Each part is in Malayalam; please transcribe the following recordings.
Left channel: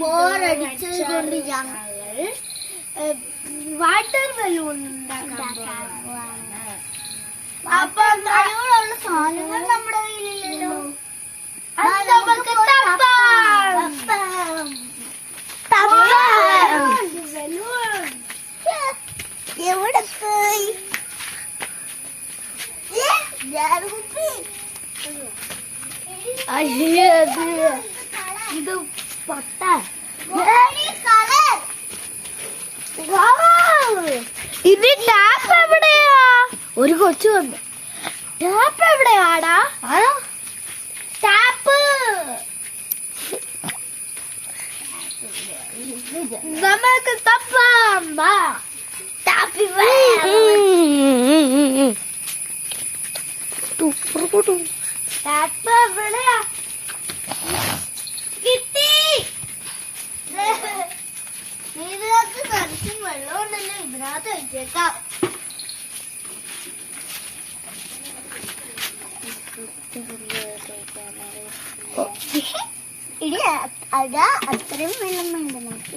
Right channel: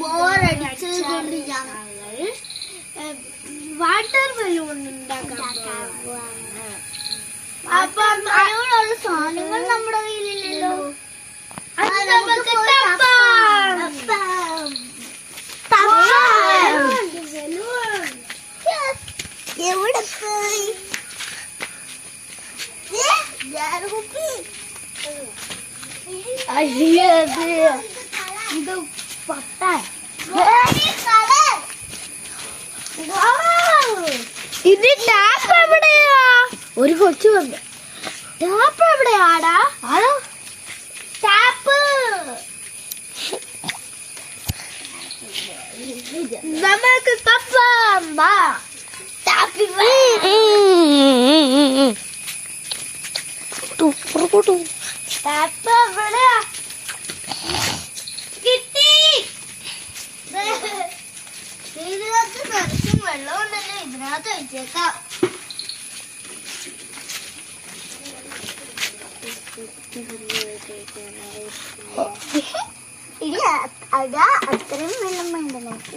ബോറടിച്ചത് കൊണ്ട് ഞങ്ങൾ വാട്ടർ ബലൂൺ ഉണ്ടാക്കാൻ പോവാണ്. അപ്പൊ അതിനുള്ള സാധനങ്ങൾ നമ്മുടെ കയ്യിലില്ലല്ലോ. എവിടെ പോയി ഇത് പൊട്ടാൻ ഇത് ടാപ്പ് എവിടെയാ? ഒരു കൊച്ചു വന്നു. ടാപ്പ് എവിടെയാടാ? ആരോ ടാപ്പ് നമുക്ക് തപ്പാം. ടാപ്പ് ടാപ്പ് എവിടെയാ? കിട്ടി. ഇതിനകത്ത് നിറച്ചും വെള്ളം ഉണ്ടല്ലോ, ഇതിനകത്ത് വെച്ചേക്കാം. അതാ അത്രയും വെള്ളം വേണ്ട, നമുക്ക്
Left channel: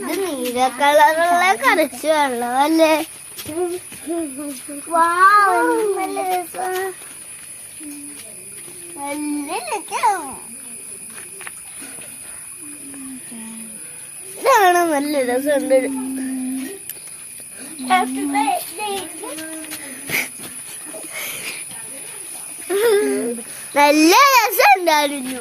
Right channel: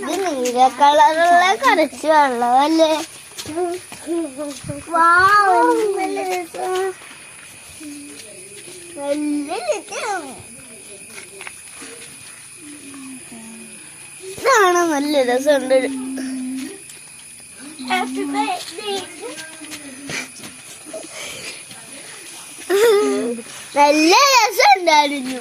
ഇത് നീല കളറുള്ള കറച്ച് വെള്ളമല്ലേ. ഇതാണോ? നല്ല രസമുണ്ട്. നല്ല രസമുണ്ടായിരുന്നു.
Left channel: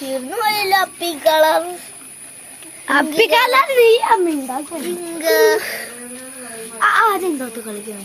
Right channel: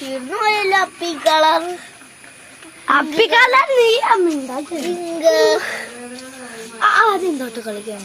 തീർന്നു പോയല്ലോ അപ്പി കളർ. അപ്പി കളർ നീ അമ്മ ആദ്യം തൊട്ട് കളിക്കാൻ